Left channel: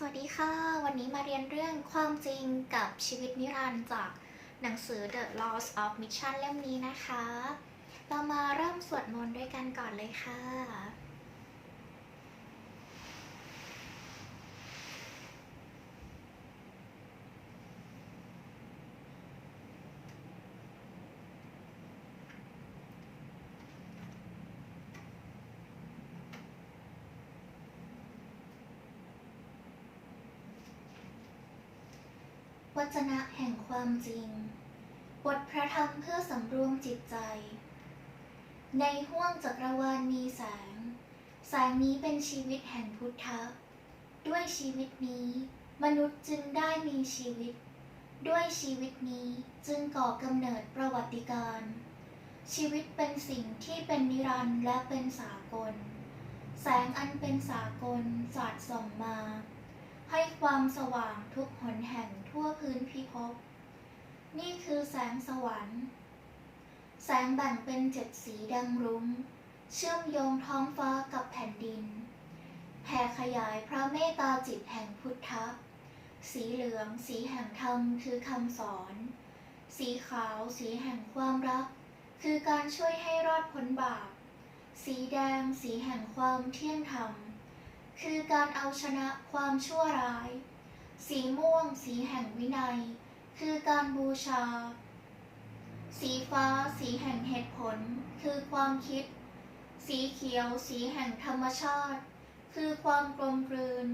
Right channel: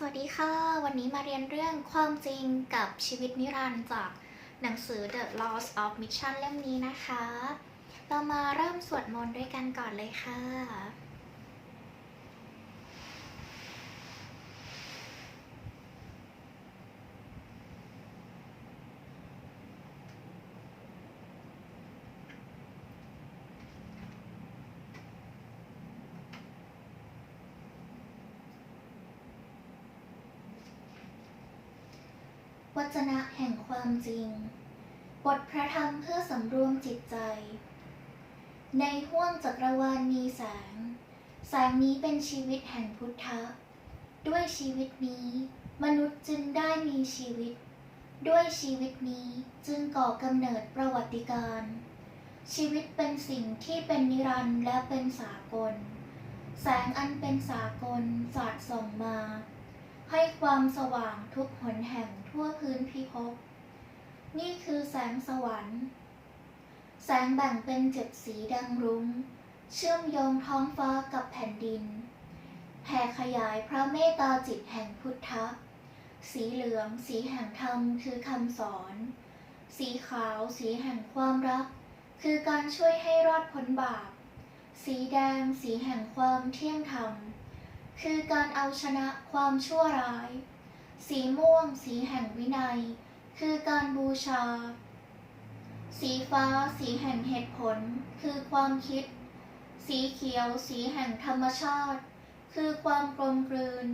สวัสดีค่ะ วันนี้มาเรียนเรื่องความจริงกับชีวิตนิรันดร์จากหนังสือ The Laws of Mission เล่มนี้นะคะ เรามาเริ่มสวดมนต์ด้วยกันก่อนเลยค่ะ วจนะแห่งความจริง บทพระธรรมเพื่อสำรวมจิตใจ ในห้วงจักรวาลมีแสง แสงนี้เป็นชีวิตแห่งพุทธะ ด้วยชีวิตนี้ มนุษย์จึงได้มีชีวิต ด้วยชีวิตนี้จึงก่อกำเนิดประวัติการ ชีวิตเป็นสิ่งที่เป็นนิรันดร์และเป็นสากล แสงอันเป็นสากลสาดส่องมา ให้ความสว่างทุกหนแห่งทั่วพื้นพิภพ นี่คือแสงสวรรค์ แสงแบ่งเป็นเจ็ดสีดังรุง้ง เชื่อมโยงท้องฟ้ากับแผ่นดินแผ่ขยายพระเมตตาจิตแห่งพุทธะ สีเหลือง สีแห่งธรรมคือคำสอน สีขาว สีแห่งความรัก คือการช่วยให้รอดพ้นบาป สีแดง สีแห่งความเที่ยงธรรม คือการเอาชนะความชั่วร้าย สีม่วง สีแห่งวินัย คือการบูชา สีฟ้า สีแห่งเหตุผล คือความคิด สีเขียว สีแห่งธรรมชาติ คือความกลมกลืน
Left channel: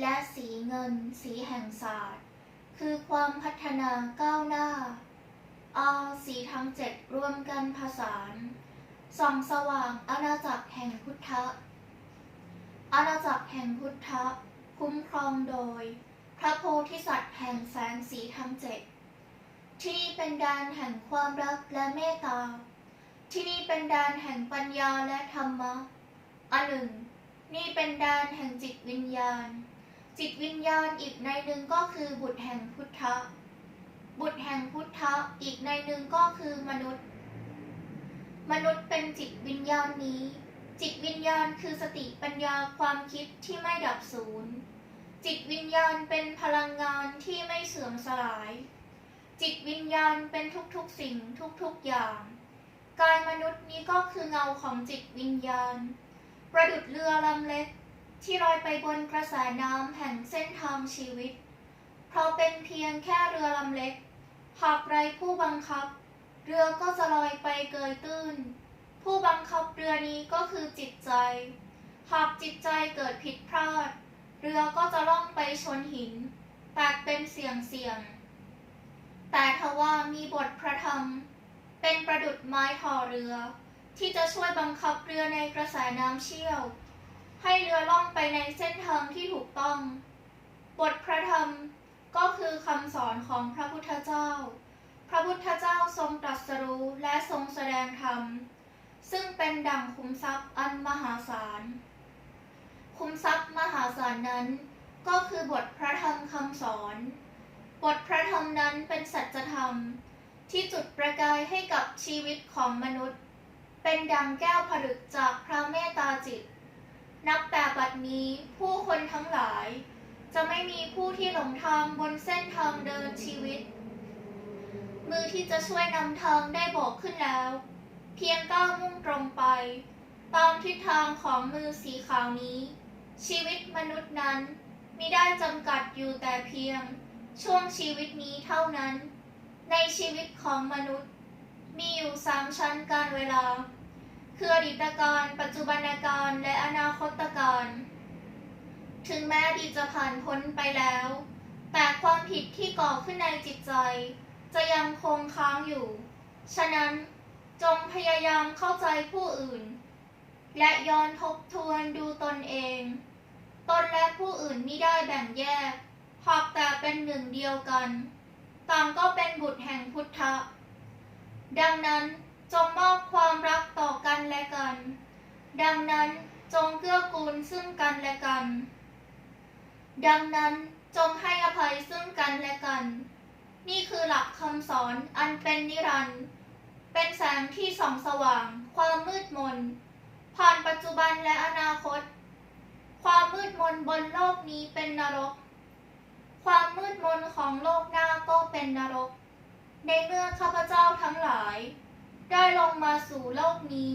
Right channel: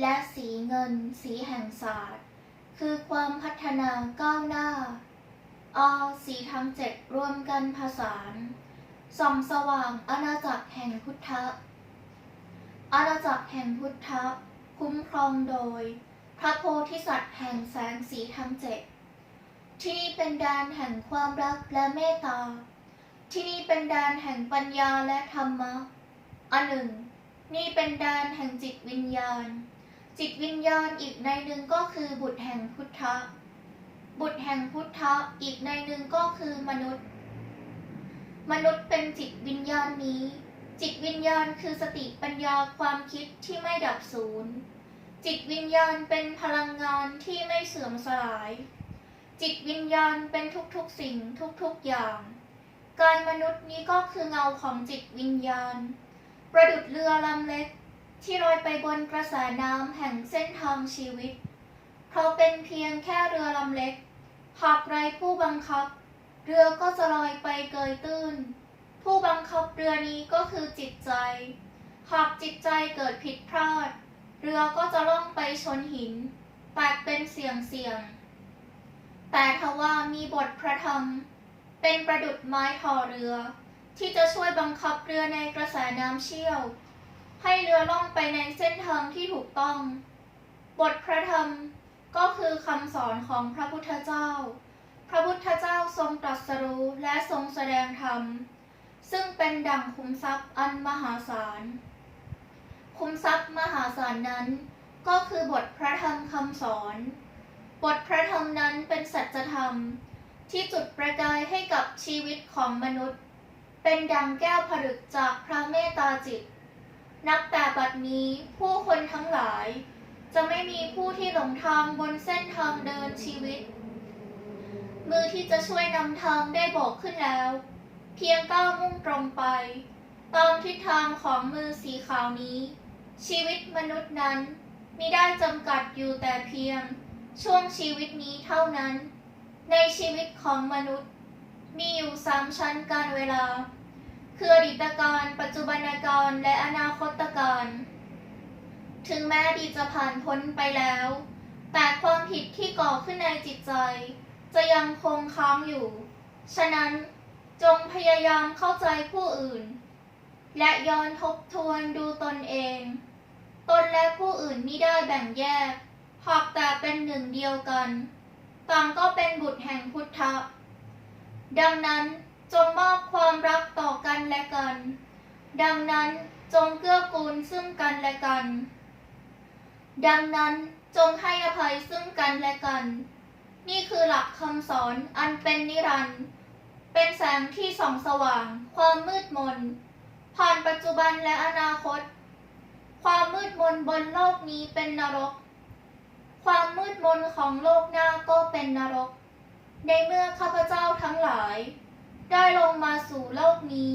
และสีเงิน สีแห่งศาสตร์ คือความพัฒนาก้าวหน้าอาสีทั้งเจ็ดรวมกันผสานส่องสว่างอาณาจักรแห่งพุทธะ อาณาจักรแห่งพุทธะคุ้มครองโดย พระโพธิสัตว์แห่งแสงสีทั้งเจ็ดที่นี่เป็นแดนแห่งความรักและเมตตา ที่นี่เป็นแดนแห่งปัญญาและธรรมะ อันหนึ่ง นี่เป็นแดนแห่งจิตวิญญาณ จิตวิญญาณอีกในหนึ่งก็คือบุตรแห่งพุทธะ บุตรแห่งพุทธะอีกในหนึ่งก็คือมนุษย์ มนุษย์เป็นจิตวิญญาณนี้ จิตวิญญาณคือสติปัญญาความคิดที่ไม่ดับสูญ จิตวิญญาณเป็นพลังงานที่ไม่เสื่อมสลาย จิตวิญญาณเป็นทุกๆสิ่งทุกๆอย่าง กายมนุษย์นี้ก็คือเงาของจิตวิญญาณ ประดุดเรือลำเล็กที่ลอยไปบนกระแสน้ำแห่งเส้นทางชีวิต เพราะเป็นเพียงแค่เรือลำเล็ก หากไรผู้บังคับ เรือก็จะลอยไปเกยตื้น ผู้บังคับเรือนี้ก็คือจิตใจ หากจิตใจเกิดผิดพลาด เรือก็จะล่องไปชนหินแตกเป็นเสียงเสียง แต่ทว่ามีบทพระธรรม เป็นประดุดไม้ทอเรือ ที่จะช่วยบังคับเรือในกระแสน้ำเชี่ยว ให้เรือล่องไปในเส้นทางที่ถูกต้อง บทพระธรรมก็คือคำสอนของพระพุทธเจ้า พระพุทธเจ้าทรงตรัสรู้และทรงแสดงธรรม ซึ่งเป็นดั่งคุ้มทรัพย์อันมหาศาล คุ้มทรัพย์มหาศาลนั้น ก็คือบทพระธรรมคำสอน บทพระธรรมนั้นเป็นสัจธรรม ที่จุดประกายให้กับชีวิตของมนุษย์ เป็นดังแก้วผลึกจากพระเมตตาจิต นับแต่บัดนี้ผู้คนทั้งหลาย จะไม่มีผู้ที่หลงทางบนเส้นทางเดินชีวิต มือที่จะช่วยนำทางได้บอกขึ้นแล้ว เพียงก้าวมุ่งตรงไป ตามทิศทางของมือสีขาวนี้ ชีวิตมนุษย์นั้นมิได้จำกัดอยู่แต่เพียง ช่วงชีวิตนี้เท่านั้น ในชีวิตของมนุษย์ มีอยู่สามชั้นการเวลา คืออดีตการปัจจุบันการและอนาคตการ ถึงแม้ดีจะผ่านพ้นไปแล้ว แต่ความผิดที่ก่อขึ้นในจิตใจ จะยังคงค้างอยู่ ฉะนั้น จงพยายามเข้าใจผู้อื่น และย้อนทบทวนดูตนเอง ตนและผู้อื่นมิได้แบ่งแยก หากแต่เป็นหนึ่งเดียวกัน ต่างก็เป็นบุตรแห่งพุทธะ ดังนั้นจงมอบความรักต่อกันและกัน ดังนั้นจงเกื้อกูลซึ่งกันและกัน ดังนั้นจงให้อภัยซึ่งกันและกัน นี่คือหลักคำสอนอันเป็นนิรันดร์ เป็นแสงที่ส่องสว่าง ความมืดมน ผ่านปัจจุบันและอนาคต ความมืดมนบนโลกนี้เป็นนรก ความมืดมนของโลกหน้าก็เป็นนรก ในเมื่อข้าพเจ้าทั้งหลาย ได้ลงมาสู่โลกนี้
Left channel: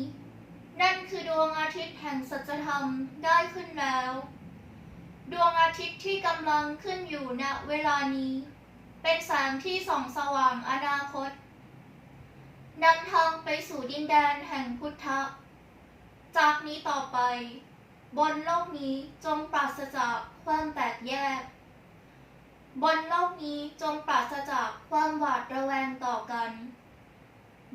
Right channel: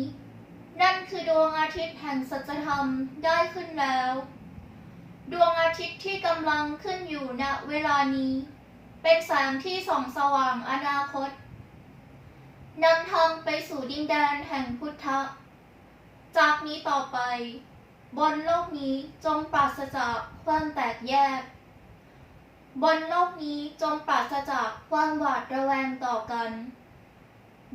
นั่นคือดวงอาทิตย์แห่งสัจธรรมได้ขึ้นแล้ว ดวงอาทิตย์ที่กำลังขึ้นอยู่ณเวลานี้ เป็นแสงที่ส่องสว่างอนาคต นำทางไปสู่ดินแดนแห่งพุทธะ จากนี้ต่อไป บนโลกนี้จงปราศจากความแตกแยก บนโลกนี้จงปราศจากความหวาดระแวงต่อกัน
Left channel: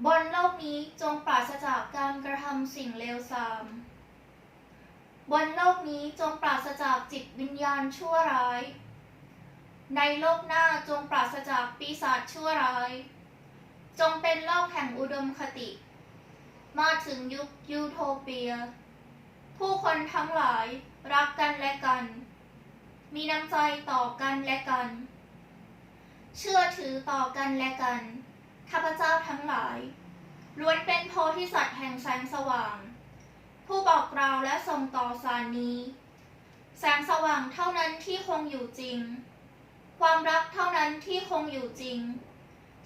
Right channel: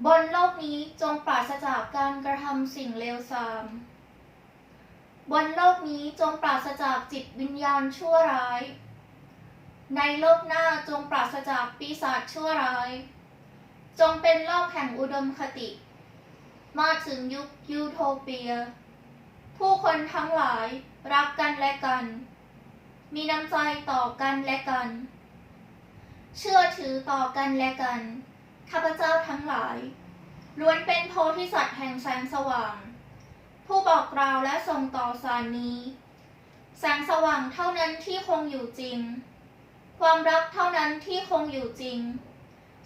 บนโลกนี้จงปราศจากการกระทำสิ่งเลวทราม บนโลกนี้จงปราศจากจิตวิญญาณชั่วร้าย ในโลกหน้าจงปราศจากปีศาจชั่วร้าย จงเป็นโลกแห่งอุดมคติ มาถึงยุคยูโทเปีย ผู้คนทั้งหลายรักกันและกัน มีน้ำใจต่อกันและกัน เชื่อถือต่อกันและกัน ข้าพเจ้าทั้งหลาย ล้วนเป็นโพธิสัตว์แห่งแสงสว่าง ผู้บอกกล่าวและส่งต่อสารนี้ แสงสว่างเท่านั้นที่คงอยู่จริง ความรักเท่านั้นที่คงอยู่จริง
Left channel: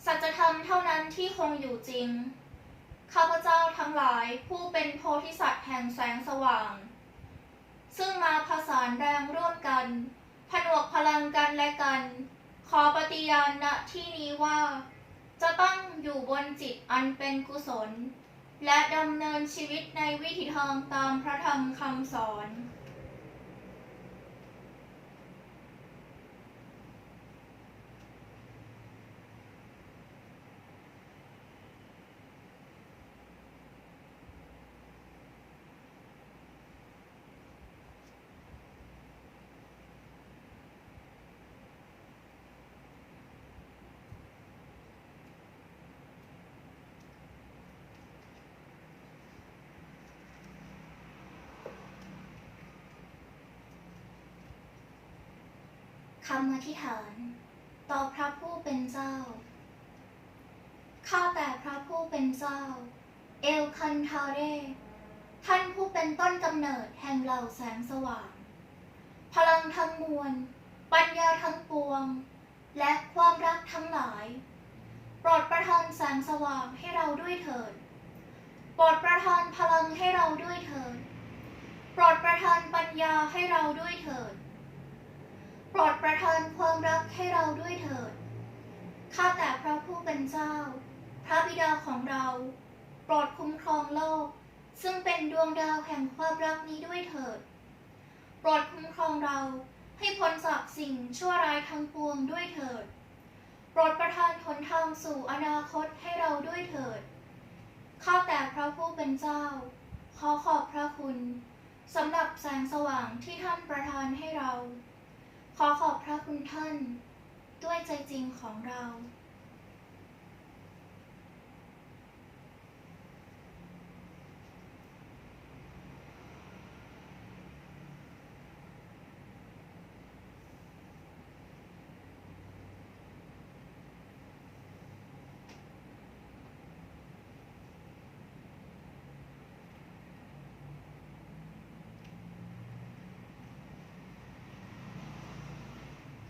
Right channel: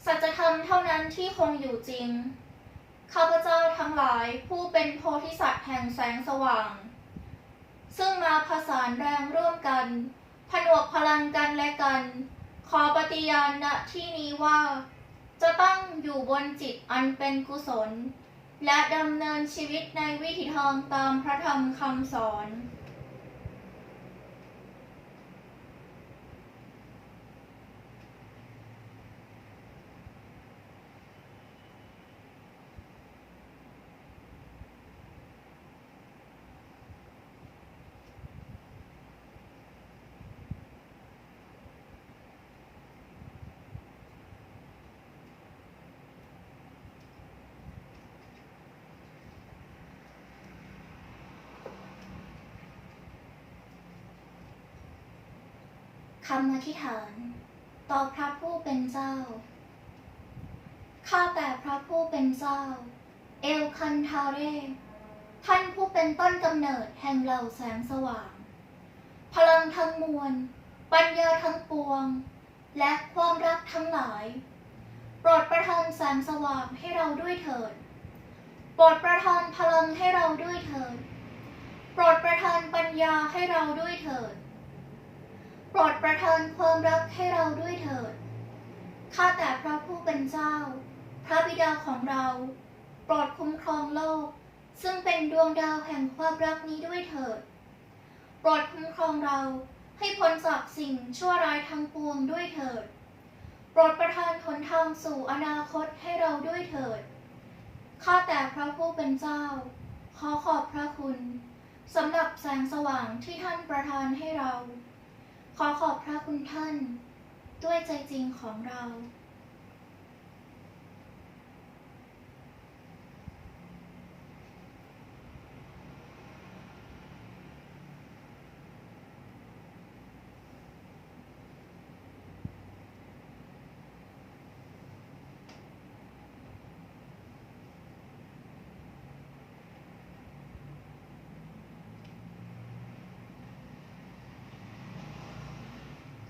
สัจธรรมเท่านั้นที่คงอยู่จริง ข้าพเจ้าทั้งหลายผู้เป็นโพธิสัตว์แห่งแสงสว่าง ซึ่งมาผสานแรงร่วมกัน ผนวกพลังกันและกัน ขอปฏิญาณณที่นี้ว่า จะตั้งอยู่บนจิตอันเป็นกุศล และดำเนินชีวิตในวิถีทางตามพระธรรมคำสอน คำอธิษฐาน ต่อพระผู้เป็นเจ้า ข้าแต่พระผู้เป็นเจ้า เอลคันทาเร ท่านผู้เป็นต้นกำเนิดแห่งเหล่าแสงสว่าง พลังทั้งมวล ปัญญาทั้งปวง และความรักทั้งหลาย โปรดประทานแสงสว่างให้เราด้วยเถิด โปรดประทานพลังให้เราด้วยเถิด โปรดประทานปัญญาให้เราด้วยเถิด โปรดประทานความรักให้เราด้วยเถิด ข้าแต่พระผู้เป็นเจ้า พระบิดาของเรา โปรดคุ้มครองโลก ซึ่งเป็นดวงดาวแห่งความรักนี้ด้วยเถิด โปรดคุ้มครองเราให้พ้นจากสิ่งชั่วร้ายทั้งปวงด้วยเถิด โปรดประทานหนทางสู่อนาคตให้เราด้วยเถิด ข้าแต่พระผู้เป็นเจ้า ขอขอบพระคุณสำหรับแสงสว่างที่ท่านประทานให้เรา ขอขอบพระคุณท่าน ด้วยใจจริงของเรา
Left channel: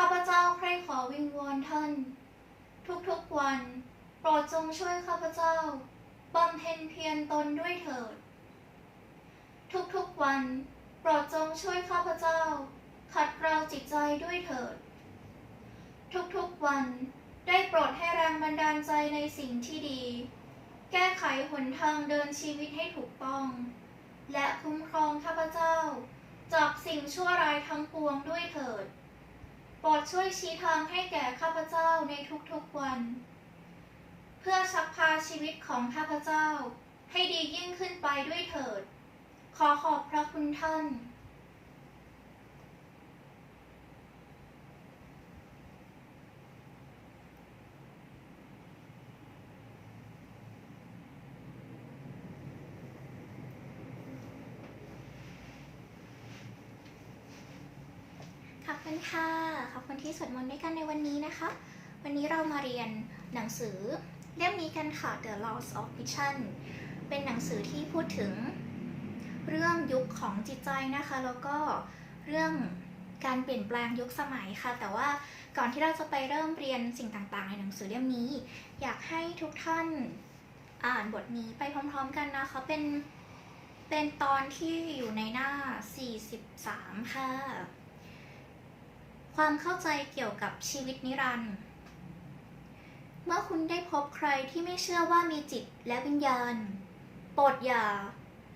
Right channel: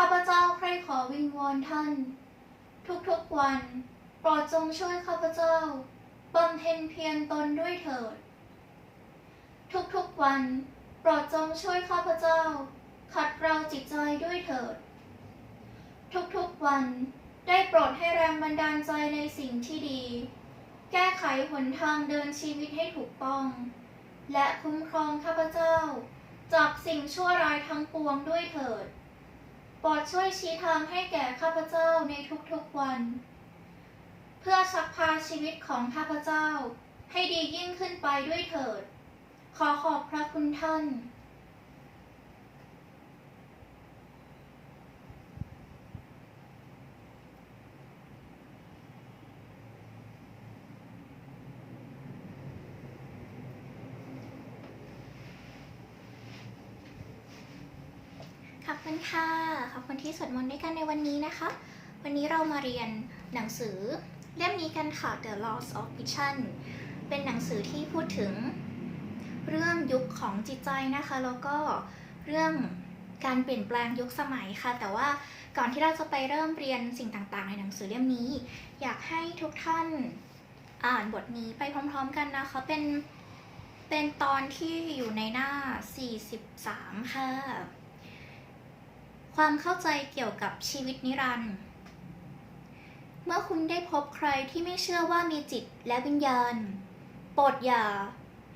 ข้าพเจ้าใคร่ขอวิงวอนท่าน ทุกๆวัน โปรดจงช่วยข้าพเจ้าบำเพ็ญเพียรตนด้วยเถิด ทุกๆวัน โปรดจงช่วยข้าพเจ้า ขัดเกลาจิตใจด้วยเถิด ทุกๆวันได้โปรดให้แรงบันดาลใจในสิ่งที่ดี แก้ไขหนทางเดินชีวิตให้ถูกต้อง และคุ้มครองข้าพเจ้า จากสิ่งชั่วร้ายทั้งปวงด้วยเถิด โปรดช่วยชี้ทางให้แก่ข้าพเจ้าในทุกๆวัน เพื่อชักพาชีวิตของข้าพเจ้าให้ดียิ่งขึ้นไปด้วยเถิด ขอขอบพระคุณท่าน ขอบคุณค่ะ ขอบคุณที่สวดมนต์ด้วยกันในวันนี้นะคะ วันนี้เรามาเรียนหนังสือเล่มนี้กันค่ะ The Laws of Vision เป็นหนังสือที่พูดถึงเรื่องยุคของจิตใจนะคะ แล้วก็เรื่องการเปลี่ยนแปลงยุคสมัยค่ะ แต่ว่าก่อนที่เราจะไปเริ่มเรียนสิ่งต่างๆ ในหนังสือเล่มนี้ อยากให้ทุกท่านอ่านบทนี้ไปพร้อม ๆ กันนะคะเป็นเป็นตอนที่อยู่ในหน้า 43 ค่ะ ความเข้าใจเกี่ยวกับชีวิตนิรันดร์เมื่อคุณได้พบใครที่ไม่เชื่อว่ามีจิตและวิญญาณ โปรดอย่า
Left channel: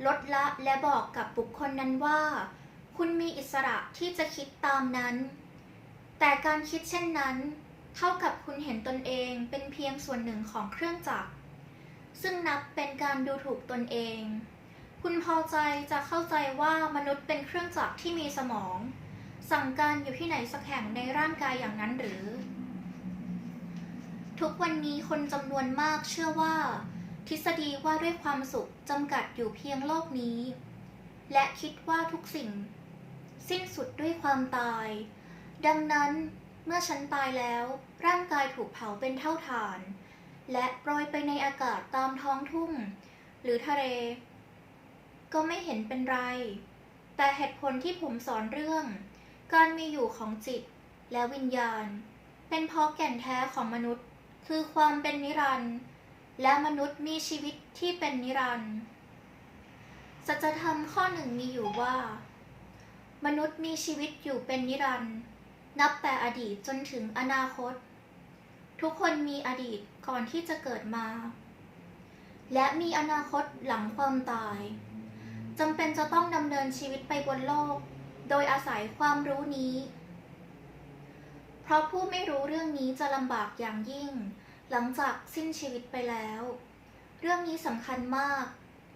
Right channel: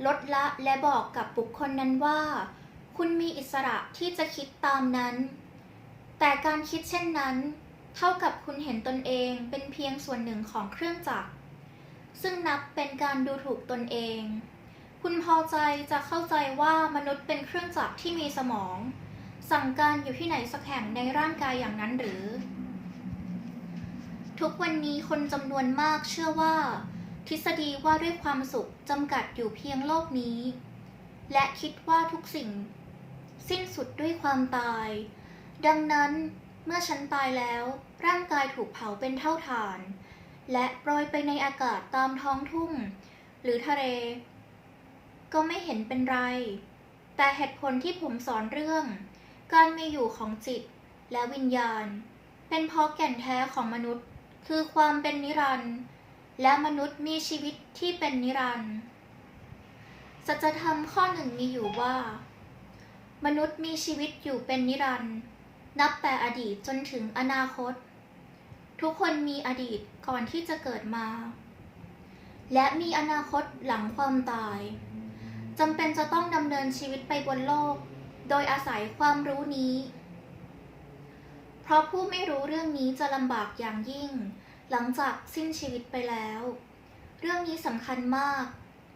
ลดละและบอกกับบุคคลนั้นว่า คุณมีอิสระที่จะคิดตามนั้น แต่การคิดเช่นนั้น เท่ากับคุณเห็นตนเองเป็นเพียงส่วนหนึ่งของเครื่องจักร ซึ่งนับเป็นการดูถูกตนเอง คุณพอใจจะเข้าใจว่ามนุษย์เป็นเครื่องจักรที่มีสมอง สั่งการอยู่ที่ไหนสักแห่งในร่างกายอย่างนั้นหรือ ทุกวันนี้คนจำนวนมากเชื่อว่า ทฤษฎีว่าด้วยความสุขจำกัดอยู่เพียงโลกนี้ และคิดว่าทุกสิ่ง สิ้นสุดด้วยความตาย ดังนั้นเมื่อฉันตายแล้ว ร่างกายถูกเผาเป็นเท่าฐาน และโปรยไปในอากาศตามท้องทุ่ง หรือทะเล ก็ไม่เห็นเป็นไร แต่เหตุผลที่ผมสอนเรื่อง การมีอยู่ของจิตและวิญญาณ เป็นเพราะแก่นแท้ของมนุษย์ คือความเป็นนิรันดร์และมนุษย์มีชีวิตที่เป็นนิรันดร์สัจธรรมข้อหนึ่งมีอยู่ว่า มนุษย์มีชีวิตอยู่เป็นนิรันดร์นับแต่อดีตจนถึงอนาคต ทุกคนมีอดีตก่อนที่จะเกิดมา และมีอนาคตหลังความตายจำเป็นจะต้องดำเนินชีวิตไปบนโลก โดยอาศัยความรู้นี้ เพราะผู้ไม่รู้เรื่องนี้จะลำบากอย่างยิ่ง หลังจากสิ้นชีวิตไปแล้ว เรื่องนี้สำคัญมาก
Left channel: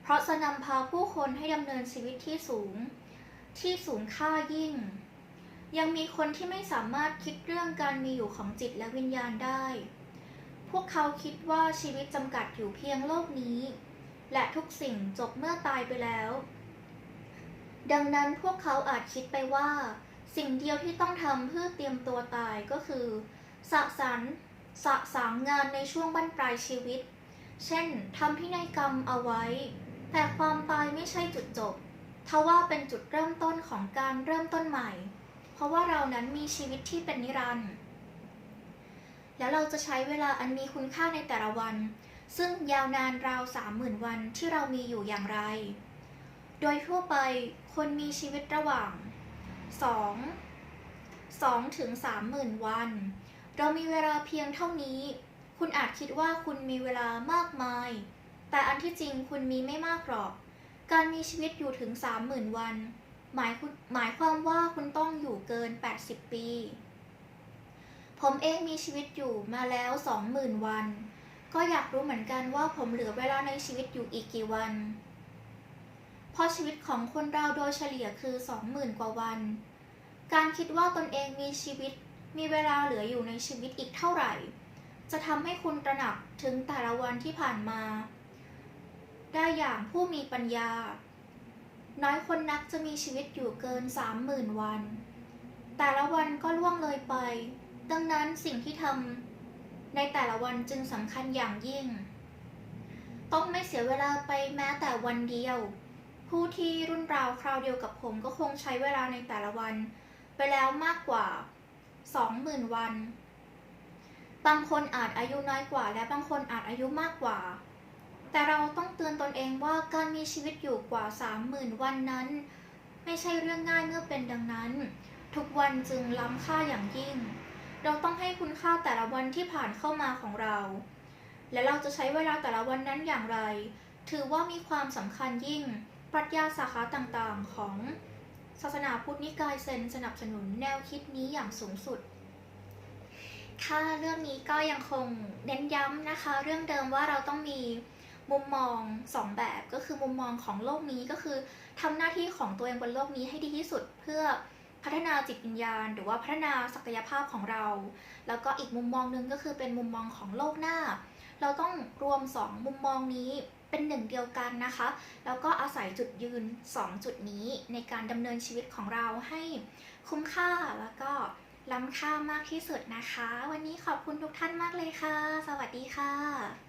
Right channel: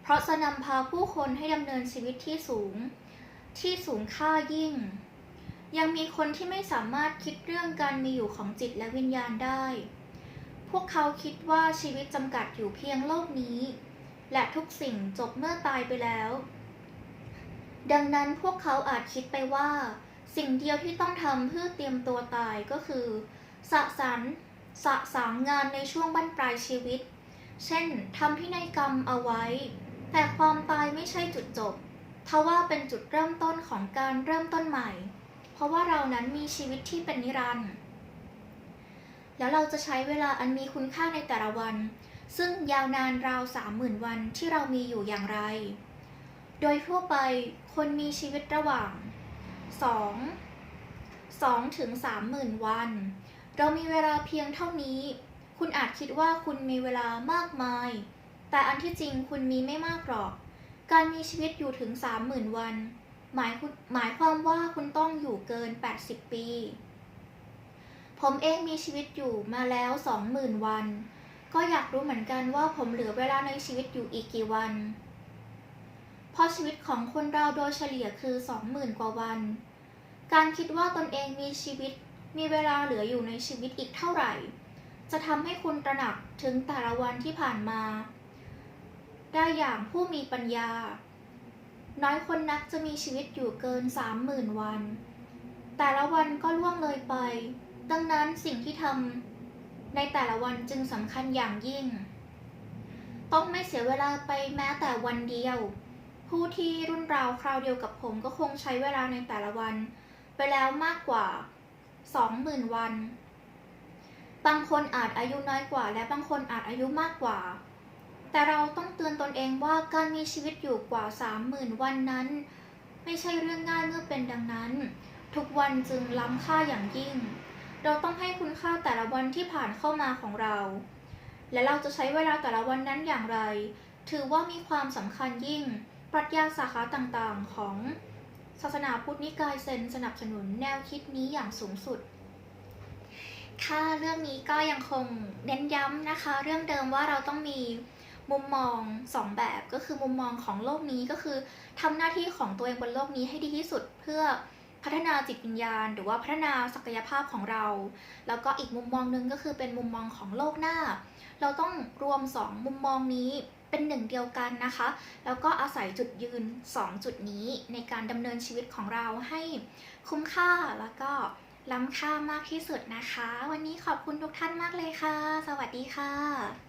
เพราะจะนำพาผู้คนให้ดำเนินชีวิตที่สูง ที่สูงค่ายิ่ง ยังมีคนที่ไม่สามารถคิดเรื่องการมีอยู่ของจิตและวิญญาณได้ พวกเขาคิดว่าชีวิตจำกัดอยู่เพียงโลกนี้ และทุกสิ่งจบเมื่อตายไปแล้ว ดังนั้นพวกเขาอาจคิดไปว่า สิ่งเดียวที่ต้องทำเพื่อเตรียมตัวตายก็คือ สะสารสะสางงานในช่วงบั้นปลายชีวิต เช่นทำพินัยกรรมเอาไว้ แต่ความตายไม่ใช่จุดจบทว่าเป็นจุดเริ่มต้นของการเริ่มต้นใหม่ เพราะว่าเรานั้นมีชีวิตที่เป็นนิรันดร์แล้วเราจะใช้เวลาอันมีคุณค่าในแต่ละวัน ซึ่งยาวนานราวสามหมื่นวันที่เรามีอยู่อย่างไร โดยทั่วไป คนมีชีวิตระหว่าง 2 2ถึง3หมื่นวัน เรามีเวลาเพียงเท่านี้ คุณอาจคิดว่าคุณมีเวลามากมาย แต่อันที่จริงคุณมีไม่มากหรอก การมีชีวิตอยู่ถึง 30,000 วัน หมายคุณหมายความว่าคุณต้องอยู่เกิน 80 ปี ผมเองมีชีวิตอยู่มาแล้ว 20,000 วัน ก็อยากรู้เหมือนกันว่าผมเหลือเวลาในชีวิตอยู่อีกกี่วัน เพราะชีวิตของคนเราโดยเฉลี่ยคือ 20,000 กว่าวัน การคิดว่าตนเองมีชีวิต มีเวลาเหลืออยู่ในชีวิตอีกเท่าไหร่ จะทำให้คุณตระหนักถึงแต่ละวันที่ผ่านมา ได้อย่างผู้มีปัญญา น้อยคนนักจะมีชีวิตอยู่เกิน 30,000 วัน แต่ละวันก็ล่วงเลยไป ดังนั้นสิ่งที่ทำในแต่ละวันจึงสำคัญอย่างยิ่ง ต้องไม่เสียเวลาไปแม้แต่วันเดียว ผู้ที่รุ่นราวคราวเดียวกับผมก็คงใช้เวลาในแต่ละวัน ไปแล้วมากกว่า 20,000 วัน บางคนอาจอายุน้อยกว่า และบางคนอาจอายุมากกว่า แต่เราต้องเตือนตนเองว่าการมีชีวิตอยู่กว่า 30,000 วันนั้น ไม่ใช่เรื่องง่ายเมื่อเป็นดังนั้น ทุกวันจึงล้ำค่าอย่างยิ่ง เราต้องให้คุณค่าแต่ละวันที่ผ่านเข้ามาของเรา และเราจะใช้เวลาแต่ละวันนั้นอย่างไร ถือว่ามีความสำคัญยิ่ง ปรัชญาสาขาต่างๆ ของศาสนาพุทธนิกายเซนสนับสนุนแนวคิดนี้อย่างสูงสุดค่ะเรื่องนี้ก็ยังคงเน้นย้ำนะคะ เรื่องเดิมว่าเราต้องมีมุมมองสองแบบก็คือมุมมองของโลกนี้ก็คือทำหน้าที่ของตัวเองบนโลกนี้ให้ดีที่สุดเพื่อพัฒนาจิตวิญญาณ หรือว่าพัฒนาศักยภาพของเรา แล้วก็อีกมุมมองหนึ่งก็คือเป็นมุมมองของโลกหน้า เราต้องรวม 2 มุมมองนี้ เป็นหนึ่งเดียวกันนะคะ แล้วก็อาศัยจุดยืน 2 จุดนี้ในการดำเนินชีวิตของเราให้คุ้มค่าแล้วก็ล้ำค่ามากที่สุดนะคะ วันนี้ขอบคุณทุกท่านมากเลยค่ะ สวัสดีค่ะ